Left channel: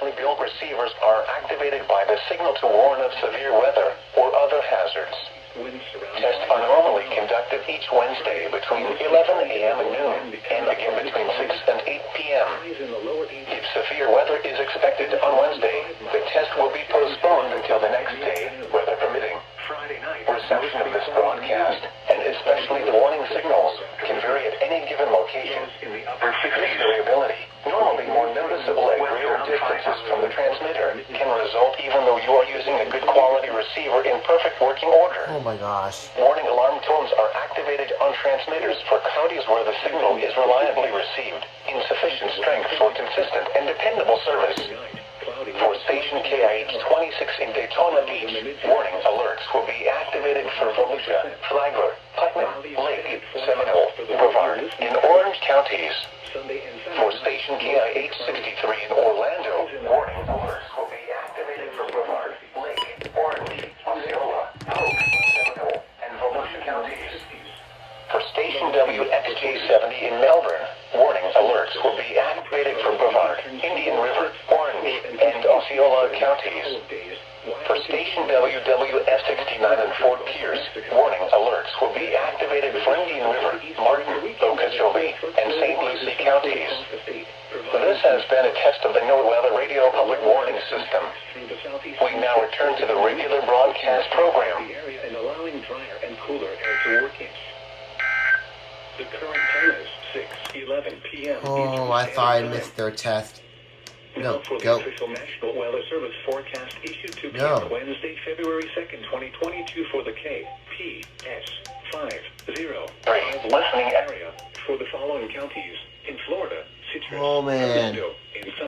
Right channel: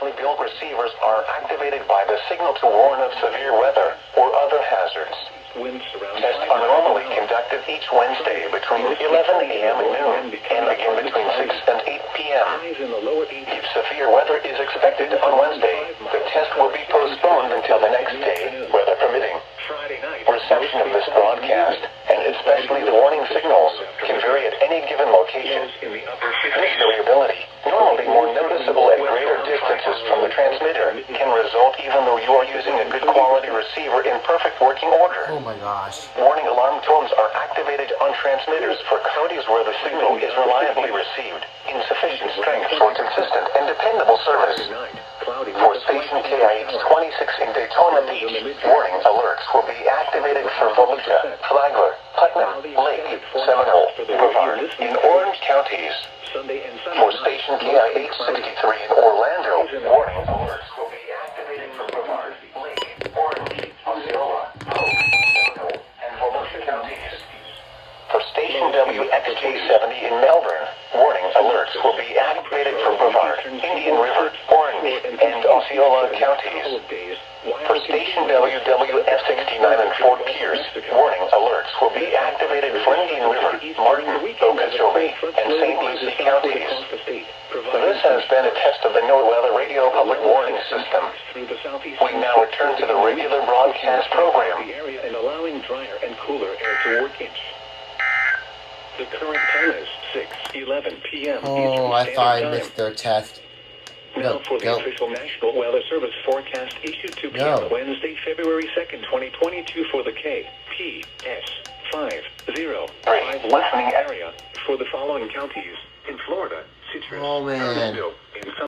specially built receivers are activated by the signal to warn of severe weather or other hazards. Tests are normally conducted each Wednesday between 11 a.m. and noon, and again between 6 and 8 p.m. If severe weather is expected on Wednesday, the test will be postponed until the next day, weather permitting. Reception of this broadcast, and especially the warning signals, can vary at any given location. This variability, normally more noticeable at greater distances from the transmitter, can result even though you are using a good quality receiver in perfect working order. Oh my gosh. Warning alarm tones are activated on transmitters for counties where the signal is reliably received, in sufficient strength for consistent and dependable service. For station KIH63 in Daytona Beach, warning alerts will be activated for Volusia, Flagler, Putnam, Lake, Seminole, Brevard, in Orange counties. For station KIH63 in Orlando, warning alerts will be activated for Brevard, Lake, Orange, Osceola, Hope, Seminole, and Volusia counties. For station WXJ70 in Melbourne, warning alerts will be activated for Brevard, Indian River, Orange, and Osceola counties. For station WWS69 in Fort Pierce, warning alerts will be activated for Indian River, Martin, Okeechobee, and St. Lucie counties. This has been a test of the NOAA Radio Public Warning System. We now return to the regular broadcast program. And allowing drier and cooler air to work in. The current time is 6:11 p.m. Oh, I thought I missed their test. Now for the official National Weather Service forecast issued to Wednesday, February 2nd, 2022 for the KIH63 listening area for the following counties in Florida, Citrus, Oh man. Orlando, in